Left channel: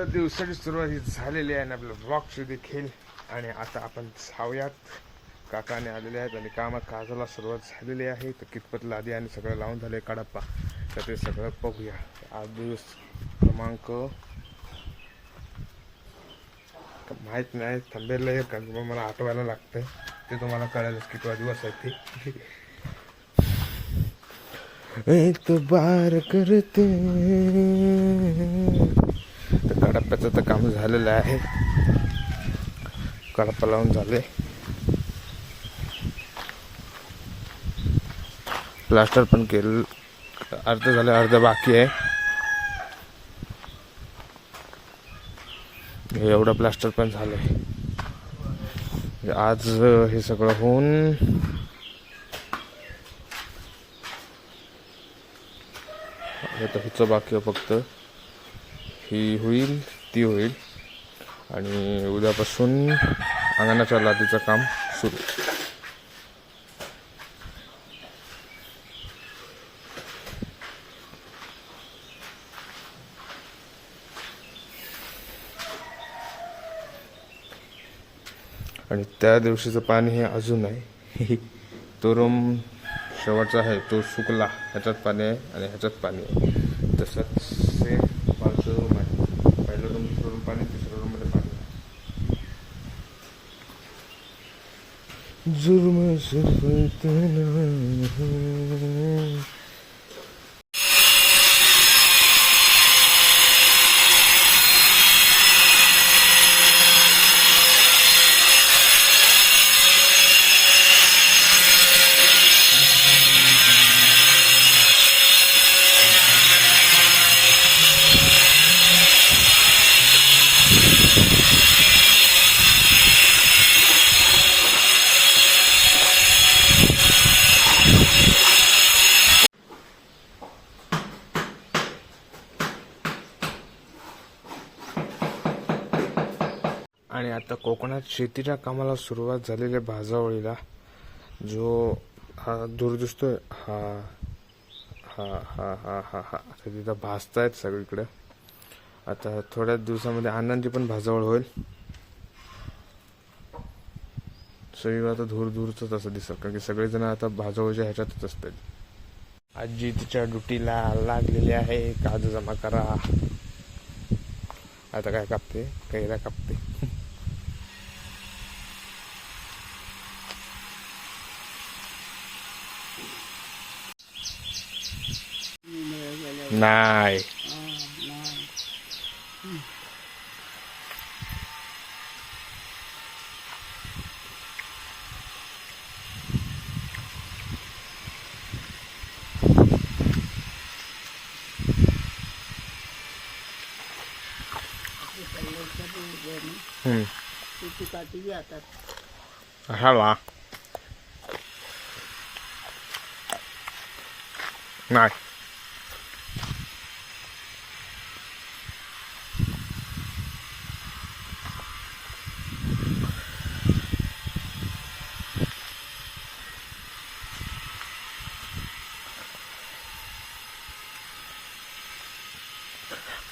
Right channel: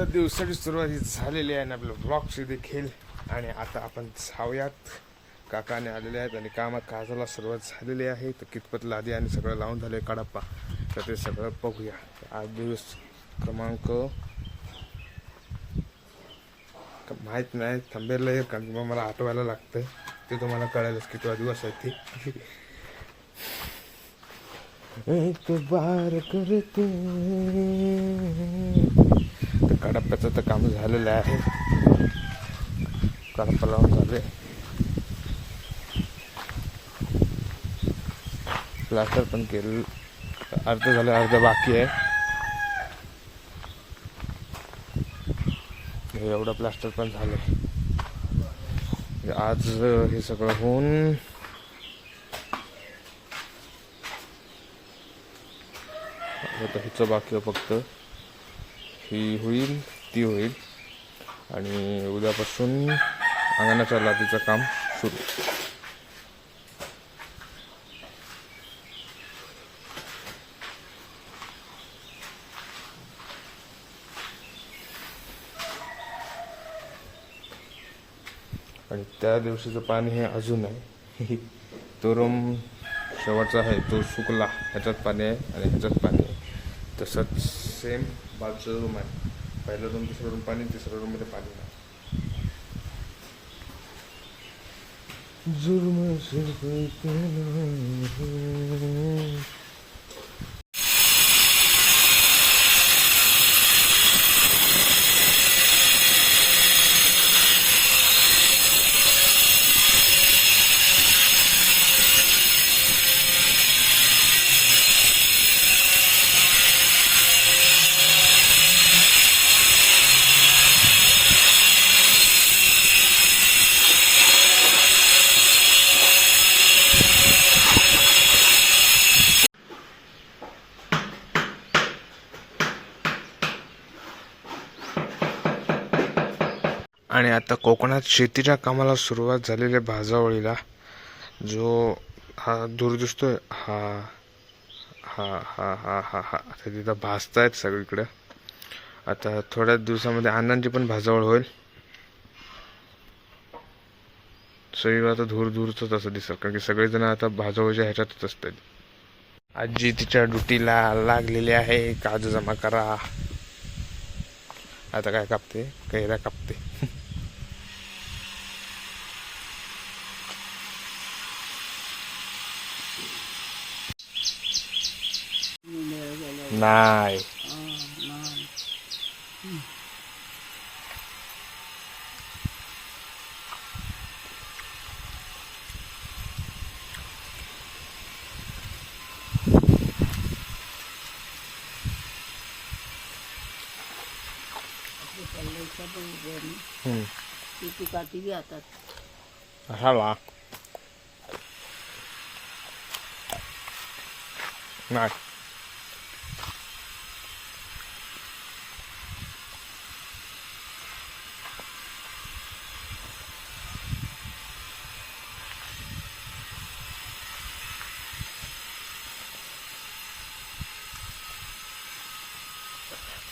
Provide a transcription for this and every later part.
तर दिवसाची सुरुवात ही झालेली आहे ना आपल्या ब्लॉगची देखील. आणि आता आपण जाऊयात. काकाने आलेले आहेत आणि कामाला सुरुवात झालेली आहे. तर कितपत लादी आणि सगळं लावून झाले कडप्पा, तर ते सगळं बघूया. आज दिवस क्रमांक माहीत नाही, थांबेल कारण मग मला आठवायला लागतं. ते तुम्हाला कळेलच कितवा दिवस आहे ते. एतबार करते. तर कडप्प्याचं तर काम झालेलं आहे. कडप्पा लावून झाले, प्लास्टर पण केलं, अर्ध झालं, अर्ध बाकी आहे. एवढं प्लास्टर पण झालंय. आज हे सगळं होऊन आता हिचं बाकी आहे फक्त. ही होईल, ती होईल आणि उद्यापासून अंगणाच्या लादीचं काम सुरू. आणि त्या दिवशीचं पाणी हे अजून आहे. तो रूम शेवटचा आहे, तो सुकला. ह्याच्यात पाणी आहे आणि ह्याच्यात पाणी आहे. तसंच सेम पाचचं रूम आहे. पहिलं रूम, दुसरं रूम पाणी, तिसऱ्या रूममध्ये पाणी आहे. जुर्म आणि आता कोकणात शेतीच्या कामाला सुरुवात झालेली आहे. भाजावळीला जो हा दूर दिसतोय, हा हा हा हा हा हा आता तिथं भाजतायत सगळीकडे. आता थोड्याच दिवसामध्ये अण्णांची पण भाजावळ होईल. सगळीकडे आता दूर दूरच असं दिसत, कारण की सगळेजण आता भाजावळीच्या ह्याच्यातच असतात. आजी तिच्या ड्युटीला लागलेली आहे. काजू जमा करा. आता काय कापते, कैऱ्या कापते. नाही हाला नाही.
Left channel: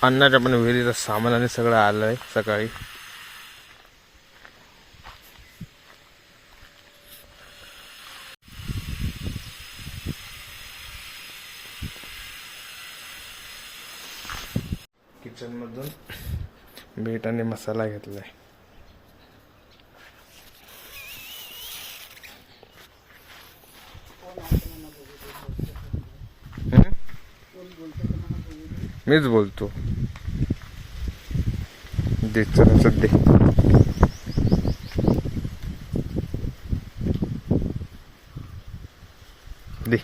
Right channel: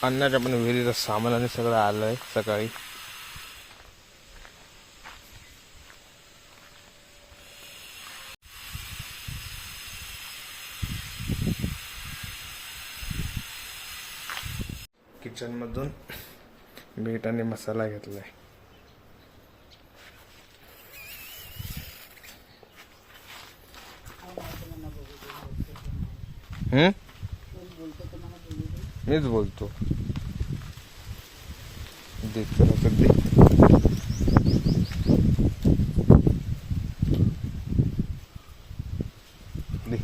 अन्नाच्या पण विहिरीचं सामान आणि सगळं आलंय सकाळी. किचन मधून मीठ आणि मसाला घेतलाय. मीच बोलतो. दे चला दे. दे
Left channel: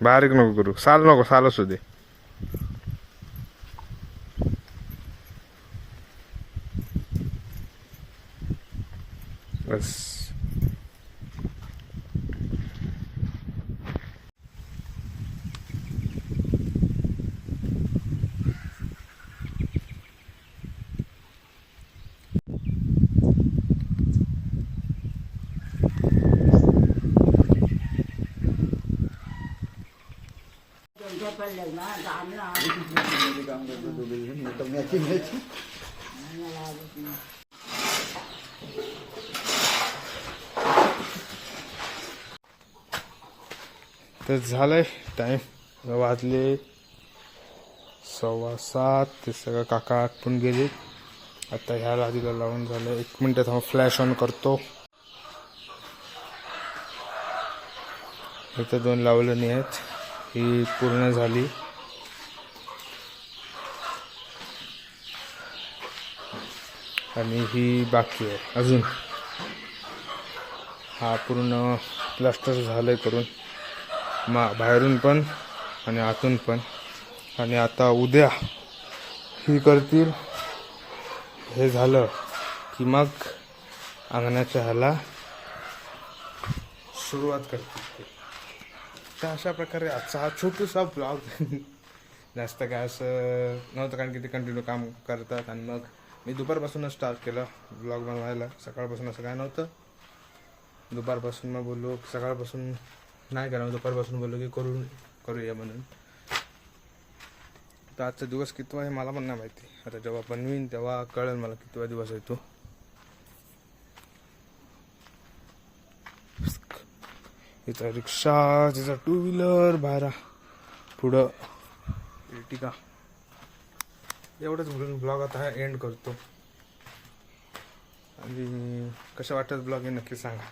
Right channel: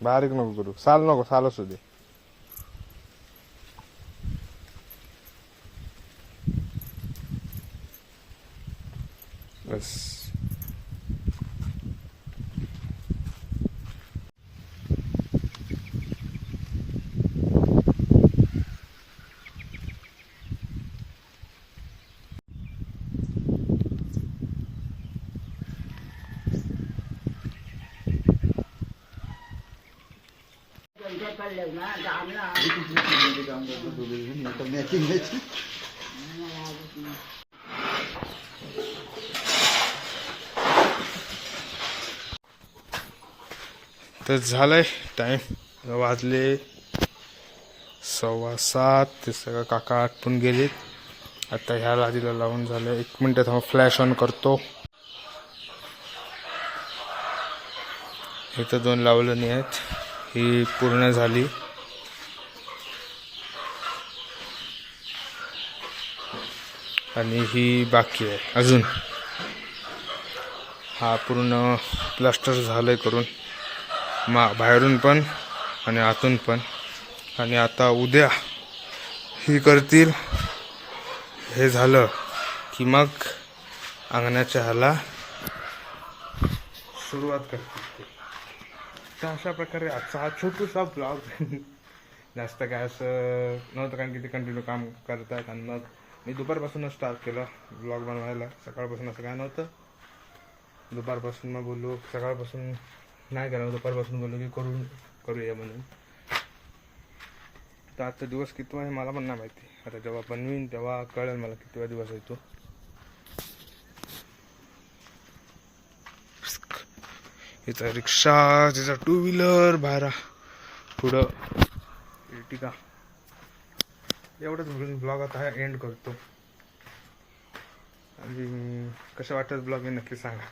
बारीक नको करू, साल नको, साल असू दे. बस तर झालंय टाइम वाजले 6:15. ते सगळं काका आटपून गेलेत. आता ह्या लादीला लावून झालं. 1 मिनिट थांबा, फ्लॅश ऑन करतो. इथं 2 लावलं नाही आहेत. ही पूर्ण झाली. आणि ही बाकी आहे अजून. हा पूर्ण प्लास्टर झालंय करून, बाहेरून पण आणि आतून पण. आणि आता उद्या ही करतील. हे झालं की मग अंगणाच्या ह्याला सुरुवात करतील. तर अशा प्रकारे आजचा हा छोटूसा ब्लॉग. जास्त काय असं नव्हतं, कारण की ते कंटिन्यू काम करतात. आणि मग मी दुपारपासूनच स्टार्ट केलं ब्लॉग बनवायला. सकाळपासून असं काय नव्हतं. दुपारपासून मग बोललो, सकाळपासून नाही करा, दुपारपासून बोललो की करूया म्हणून. तर आजचा दिवस कितवा आहे मला पण नाही माहिती. आता जेव्हा बनवीन तेव्हा कळेल मला कितवा दिवस आहे तो. इथं रिक्षा, तिचा 2 व्हीलर बाहेर पुढं एर्टिगा. एवढंच बोलून ब्लॉग आता एंड करतो. आणि कसं वाटतं ब्लॉग हे नक्की सांगा.